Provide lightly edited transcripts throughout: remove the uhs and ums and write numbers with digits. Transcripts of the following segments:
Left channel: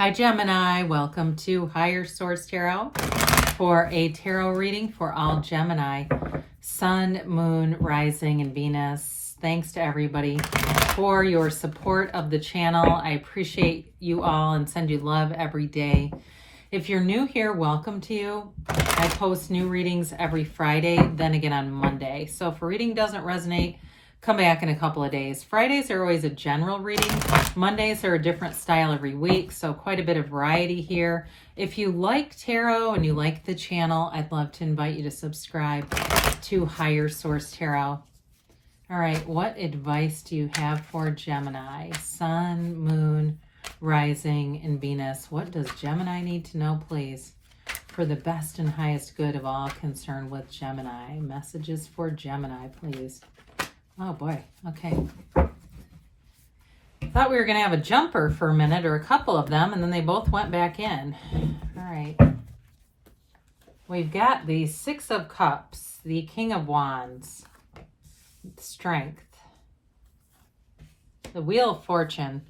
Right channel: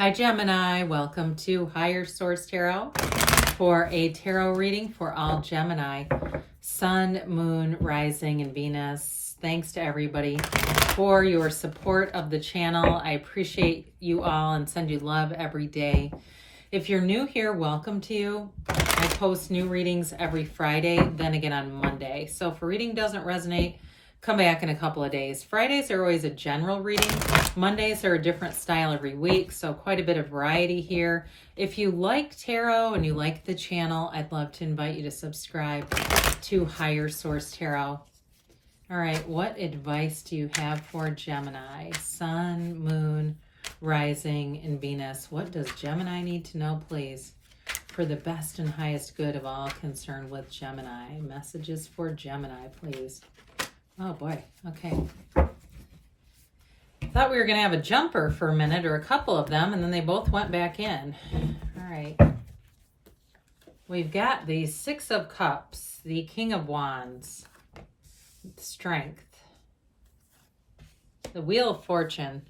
Hi Gemini, welcome to Higher Source Tarot for a tarot reading for all Gemini, Sun, Moon, Rising, and Venus. Thanks to everybody for your support of the channel. I appreciate you all and send you love every day. If you're new here, welcome to you. I post new readings every Friday, then again on Monday. So if a reading doesn't resonate, come back in a couple of days. Fridays are always a general reading. Mondays are a different style every week, so quite a bit of variety here. If you like tarot and you like the channel, I'd love to invite you to subscribe to Higher Source Tarot. All right, what advice do you have for Gemini? Sun, Moon, Rising, and Venus. What does Gemini need to know, please, for the best and highest good of all concerned with Gemini? Messages for Gemini, please. Oh boy, okay. Thought we were going to have a jumper for a minute, or a couple of them, and then they both went back in. All right. We've got the Six of Cups, the King of Wands, Strength, the Wheel of Fortune,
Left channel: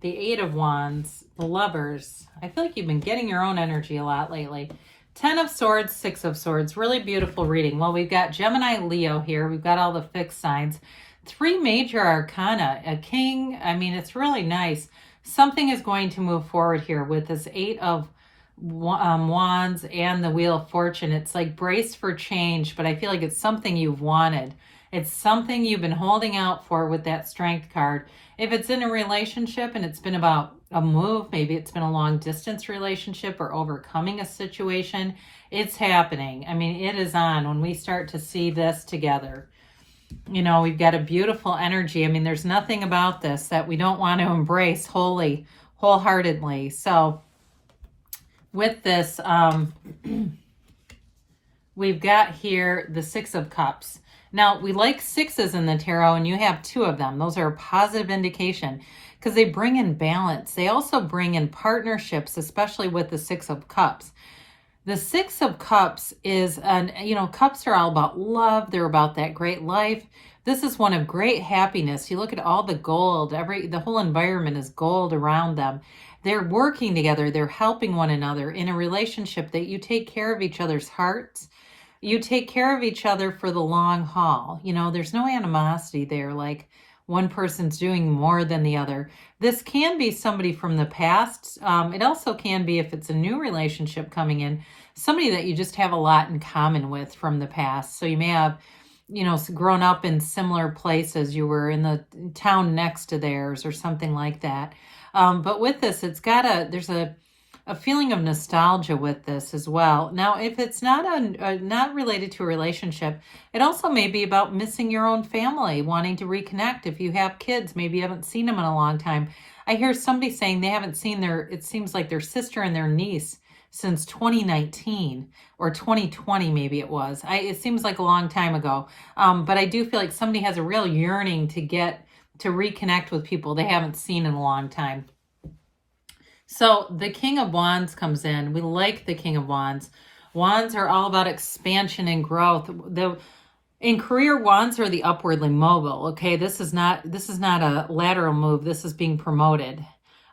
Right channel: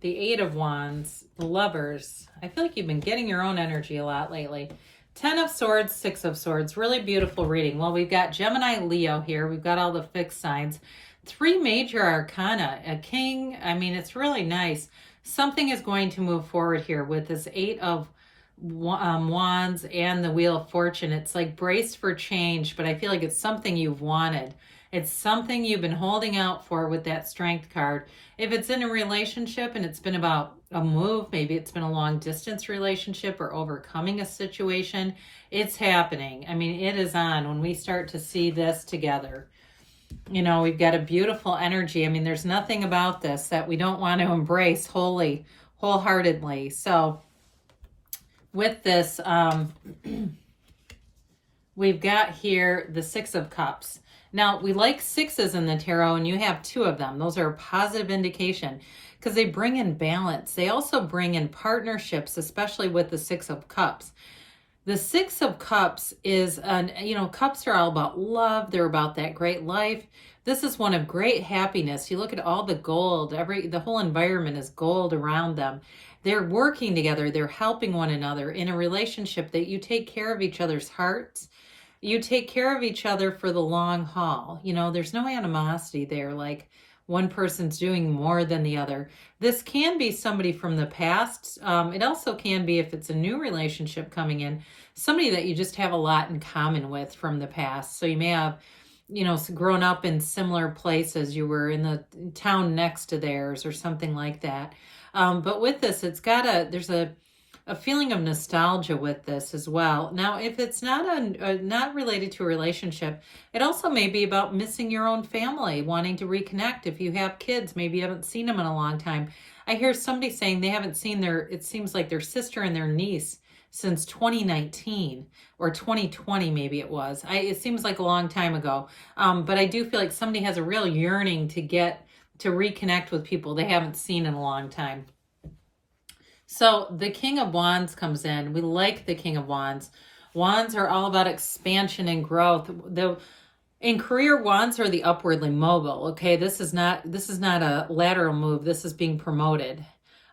the Eight of Wands, the Lovers. I feel like you've been getting your own energy a lot lately. Ten of Swords, Six of Swords. Really beautiful reading. Well, we've got Gemini, Leo here. We've got all the fixed signs. Three major arcana. A king. I mean, it's really nice. Something is going to move forward here with this Eight of Wands and the Wheel of Fortune. It's like brace for change, but I feel like it's something you've wanted. It's something you've been holding out for with that Strength card. If it's in a relationship and it's been about a move, maybe it's been a long distance relationship or overcoming a situation, it's happening. I mean, it is on when we start to see this together. You know, we've got a beautiful energy. I mean, there's nothing about this that we don't want to embrace wholeheartedly. So with this, we've got here the Six of Cups. Now, we like sixes in the tarot, and you have two of them. Those are a positive indication because they bring in balance. They also bring in partnerships, especially with the Six of Cups. The Six of Cups is, cups are all about love. They're about that great life. This is one of great happiness. You look at all the gold. The whole environment is gold around them. They're working together. They're helping one another in a relationship that you take care of each other's hearts. You take care of each other for the long haul. You know, there's no animosity there, like one person's doing more than the other. This can be somebody from the past. It also can be, if it's a new relationship coming in, somebody that you just have a lot in common with from the past. So you may have, grown up in similar places. You were in the town next to theirs or something like that. But with this, there's a feeling of nostalgia with this as well. Now, if it's not related to a relationship, it also may be about missing your own family, wanting to reconnect. If you have kids, maybe you haven't seen them in a long time. I hear somebody saying they haven't seen it seems like their sister and their niece since 2019 or 2020, maybe it was. It seems like a long time ago. But I do feel like somebody has a real yearning to reconnect with people they haven't seen in a long time. So the King of Wands comes in. We like the King of Wands. Wands are all about expansion and growth. In career, wands are the upwardly mobile. Okay, this is not a lateral move. This is being promoted.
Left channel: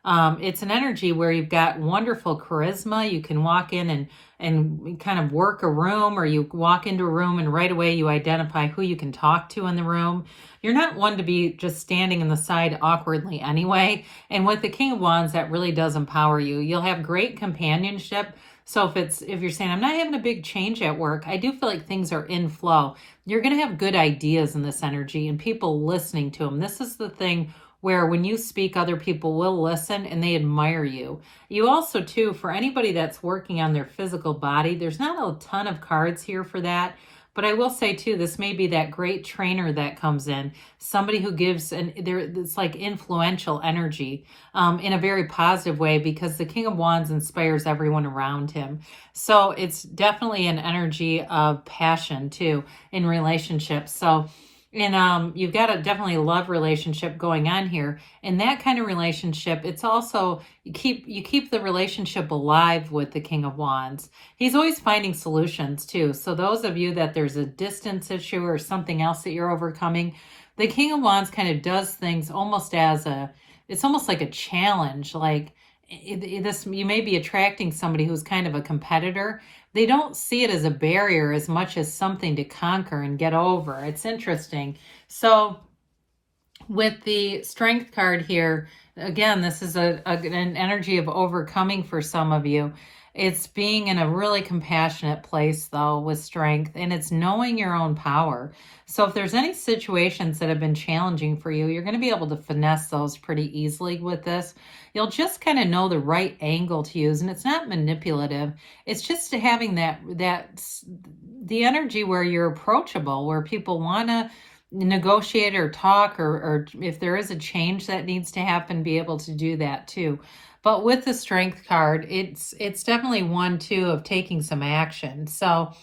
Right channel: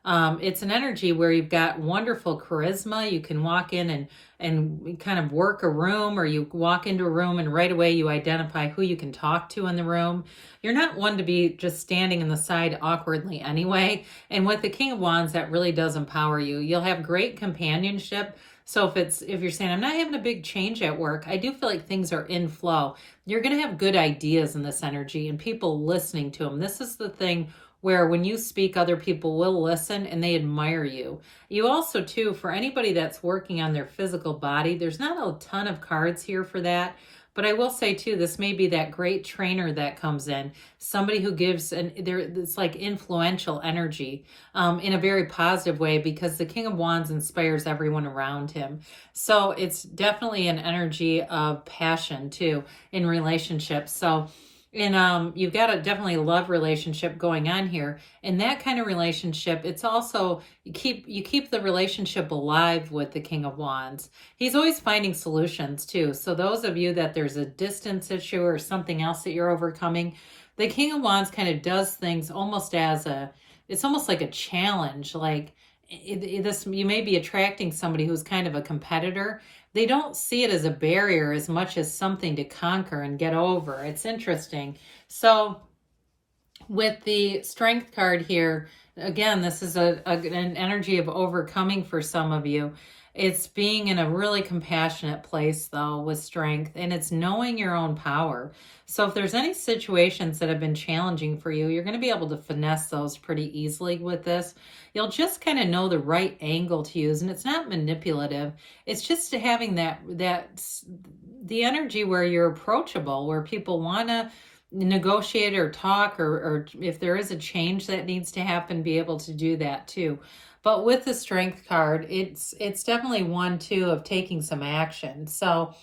It's an energy where you've got wonderful charisma. You can walk in and kind of work a room, or you walk into a room and right away you identify who you can talk to in the room. You're not one to be just standing in the side awkwardly anyway. And with the King of Wands, that really does empower you. You'll have great companionship. So if you're saying, I'm not having a big change at work, I do feel like things are in flow. You're going to have good ideas in this energy and people listening to them. This is the thing where when you speak, other people will listen and they admire you. You also, too, for anybody that's working on their physical body, there's not a ton of cards here for that. But I will say, too, this may be that great trainer that comes in, somebody who gives, it's like influential energy in a very positive way, because the King of Wands inspires everyone around him. So it's definitely an energy of passion, too, in relationships. So you've got a definitely love relationship going on here. In that kind of relationship, it's also, you keep the relationship alive with the King of Wands. He's always finding solutions too. So those of you that there's a distance issue or something else that you're overcoming, the King of Wands kind of does things almost it's almost like a challenge. Like, you may be attracting somebody who's kind of a competitor. They don't see it as a barrier as much as something to conquer and get over. It's interesting. So with the Strength card here, again, this is an energy of overcoming for some of you. It's being in a really compassionate place, though, with Strength, and it's knowing your own power. So if there's any situations that have been challenging for you, you're going to be able to finesse those pretty easily with this. You'll just kind of know the right angle to use, and it's not manipulative. It's just having the energy where you're approachable, where people want to negotiate or talk, or if there is a change that needs to happen, be able to do that too. But with the Strength card, it's definitely one too of taking some action. So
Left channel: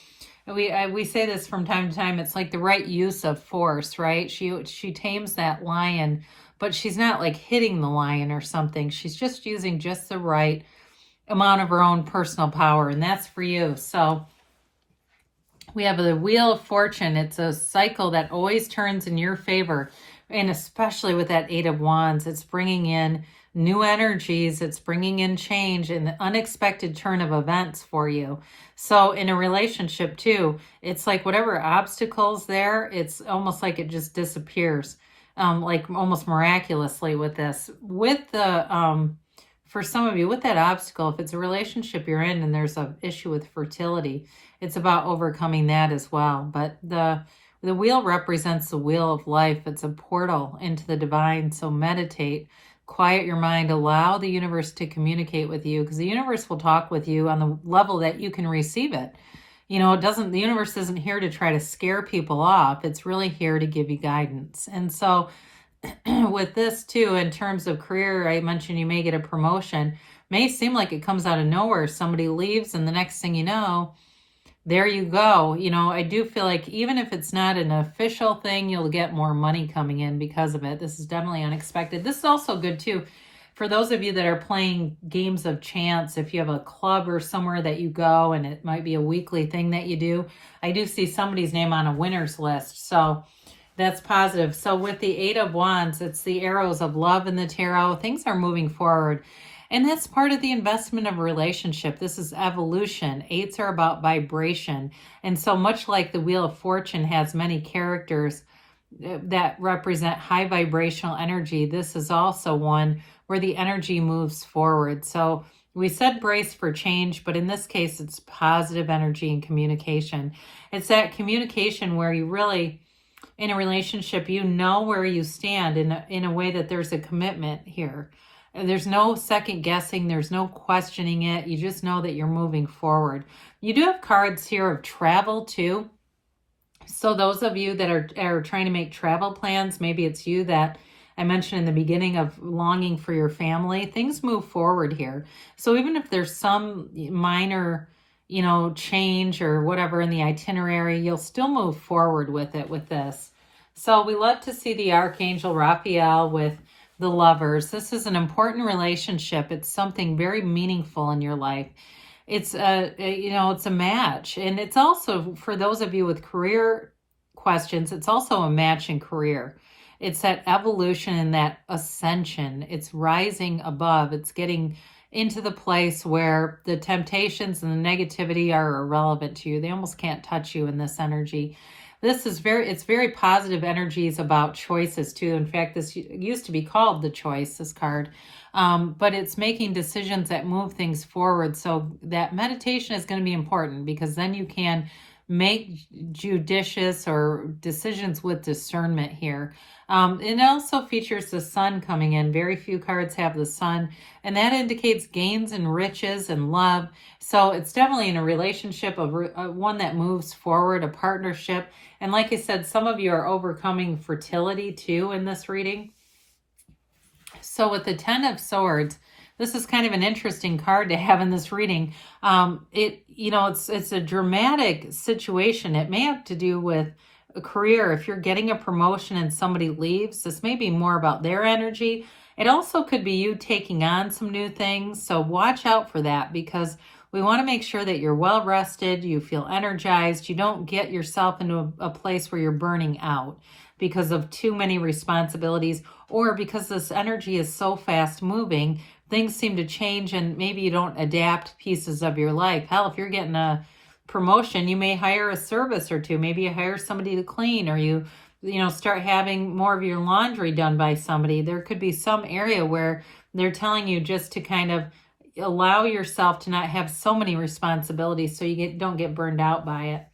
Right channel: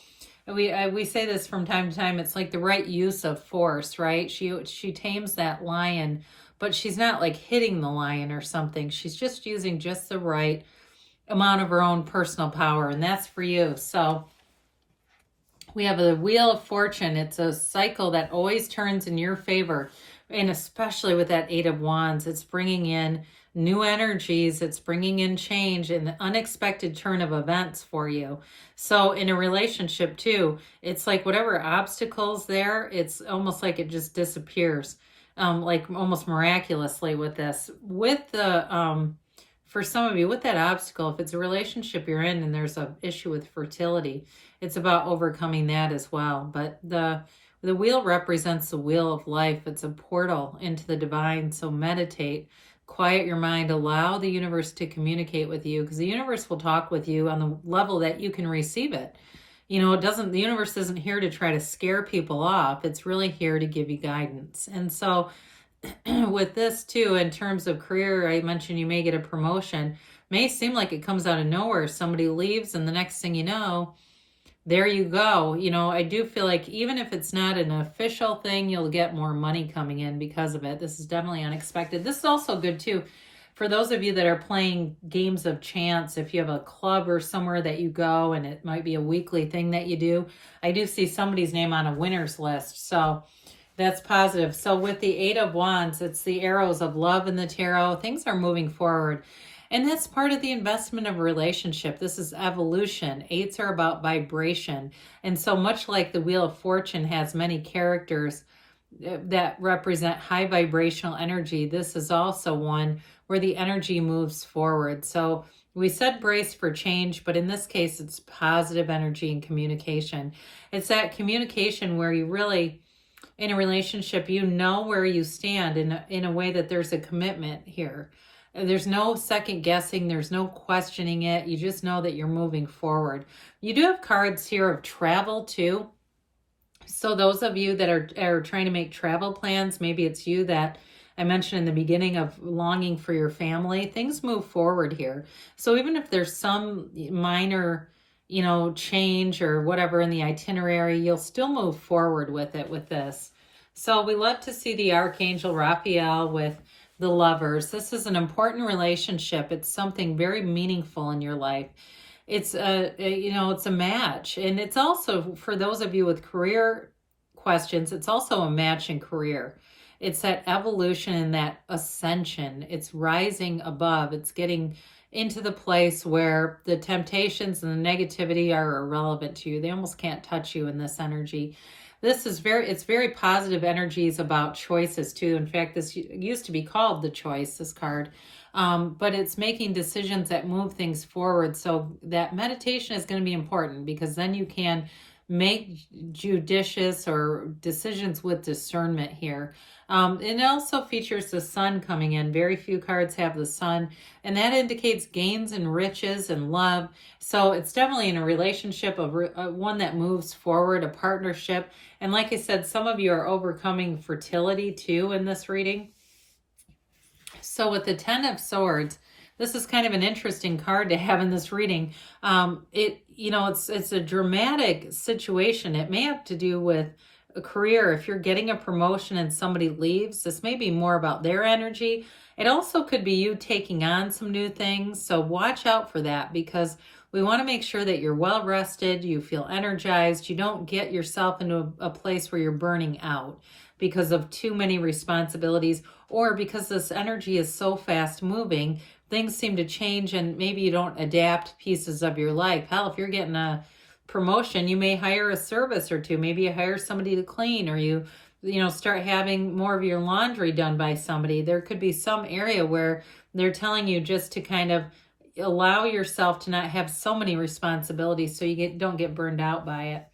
we say this from time to time. It's like the right use of force, right? She tames that lion, but she's not like hitting the lion or something. She's just using just the right amount of her own personal power, and that's for you. So we have the Wheel of Fortune. It's a cycle that always turns in your favor, and especially with that Eight of Wands, it's bringing in new energies, it's bringing in change and an unexpected turn of events for you. So in a relationship too, it's like whatever obstacles there, it's almost like it just disappears, like almost miraculously with this. With the for some of you, with that obstacle, if it's a relationship you're in and there's an issue with fertility, it's about overcoming that as well. But the wheel represents the wheel of life. It's a portal into the divine. So meditate, quiet your mind, allow the universe to communicate with you, because the universe will talk with you on the level that you can receive it. You know, the universe isn't here to try to scare people off. It's really here to give you guidance. And so with this too, in terms of career, I mentioned you may get a promotion. May seem like it comes out of nowhere. Somebody leaves and the next thing you know, there you go. You know, I do feel like even if it's not an official thing, you'll get more money coming in because of it. This is definitely unexpected. This is also good too for those of you that are playing games of chance. If you have a club or somewhere that you go and it might be a weekly thing that you do, I do see somebody's name on a winner's list. So that's positive. So with the Eight of Wands, it's the arrows of love in the tarot. Things are moving forward. And that's part of the investment of a relationship. This is evolution. Eights are about vibration. And so much like the Wheel of Fortune has many characters that represent high vibrational energy, this is also one where the energy moves forward. So we said brace for change, but in this case, it's positive energy and communication. It's that communication where you really, in a relationship, you know where you stand in a way that there's a commitment here. There's no second guessing. There's no questioning it. You just know that you're moving forward. You do have cards here of travel too. So those of you that are trying to make travel plans, maybe it's you that I mentioned in the beginning of longing for your family, things move forward here. So even if there's some minor, you know, change or whatever in the itinerary, you'll still move forward with it with this. So we love to see the Archangel Raphael with the Lovers. This is an important relationship. It's something very meaningful in your life. It's it's a match. And it's also, for those of you with career questions, it's also a match in career. It's that evolution and that ascension. It's rising above. It's getting into the place where the temptations and the negativity are irrelevant to you. They almost can't touch you in this energy. This is it's very positive energies about choices too. In fact, this used to be called the Choice, this card. But it's making decisions that move things forward. So that meditation is going to be important, because then you can make judicious or decisions with discernment here. It also features the sun coming in. Very few cards have the sun, and that indicates gains and riches and love. So it's definitely in a relationship of one that moves forward, a partnership. And like I said, some of you are overcoming fertility too in this reading. So with the Ten of Swords, this is kind of an interesting card to have in this reading. It's a dramatic situation. It may have to do with a career. If you're getting a promotion and somebody leaves, this may be more about their energy. It also could be you taking on some new things. So watch out for that, because we want to make sure that you're well rested, you feel energized, you don't get yourself into a place where you're burning out because of too many responsibilities, or because this energy is so fast moving things seem to change and maybe you don't adapt pieces of your life. Hell, if you're getting a promotion, you may hire a service or two. Maybe you hire somebody to clean, or you start having more of your laundry done by somebody. There could be some area where they're telling you just to kind of allow yourself to not have so many responsibilities so you don't get burned out by it.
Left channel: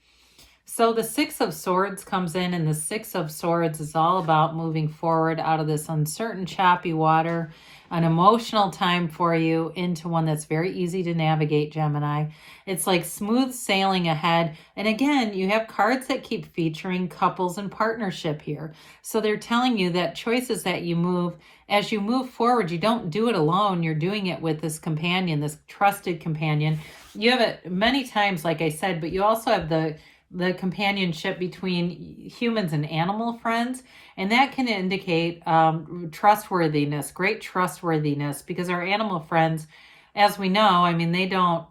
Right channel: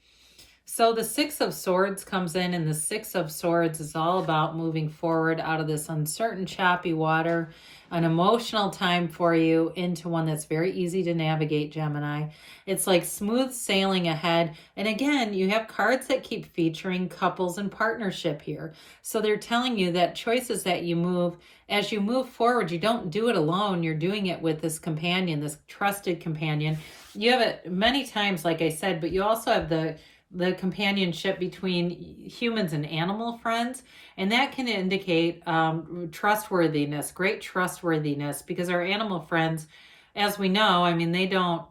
So the Six of Swords comes in, and the Six of Swords is all about moving forward out of this uncertain, choppy water, an emotional time for you into one that's very easy to navigate, Gemini. It's like smooth sailing ahead. And again, you have cards that keep featuring couples and partnership here. So they're telling you that choices that you move, as you move forward, you don't do it alone. You're doing it with this companion, this trusted companion. You have it many times, like I said, but you also have the companionship between humans and animal friends, and that can indicate trustworthiness, great trustworthiness, because our animal friends, as we know, I mean, they don't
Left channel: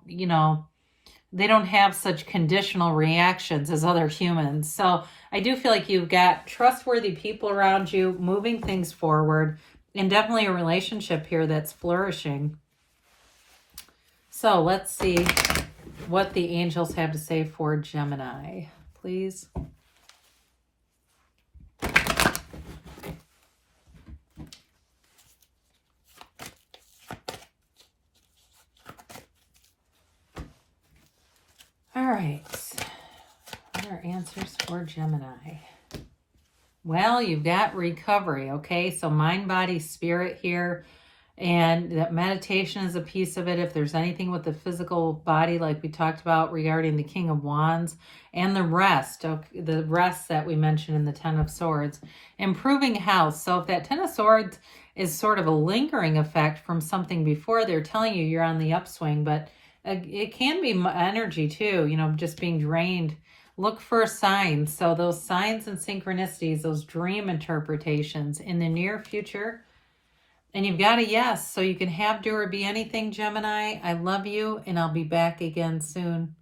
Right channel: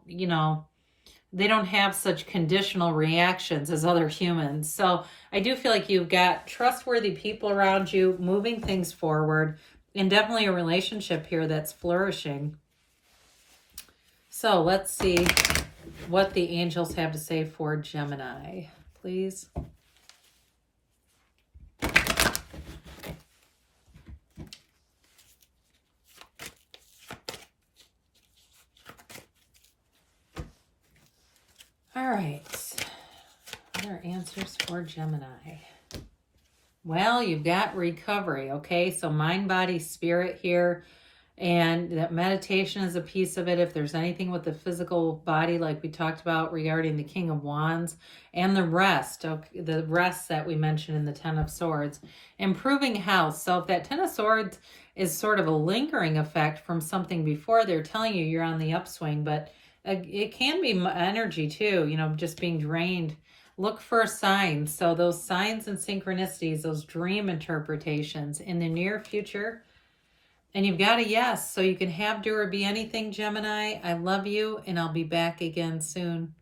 have such conditional reactions as other humans. So I do feel like you've got trustworthy people around you moving things forward, and definitely a relationship here that's flourishing. So let's see what the angels have to say for Gemini, please. All right. What are answers for Gemini? Well, you've got recovery, okay? So mind, body, spirit here. And that meditation is a piece of it. If there's anything with the physical body, like we talked about regarding the King of Wands, and the rest that we mentioned in the Ten of Swords, improving health. So if that Ten of Swords is sort of a lingering effect from something before, they're telling you you're on the upswing, but it can be energy too, just being drained. Look for signs. So those signs and synchronicities, those dream interpretations in the near future. And you've got a yes, so you can have, do, or be anything, Gemini. I love you, and I'll be back again soon.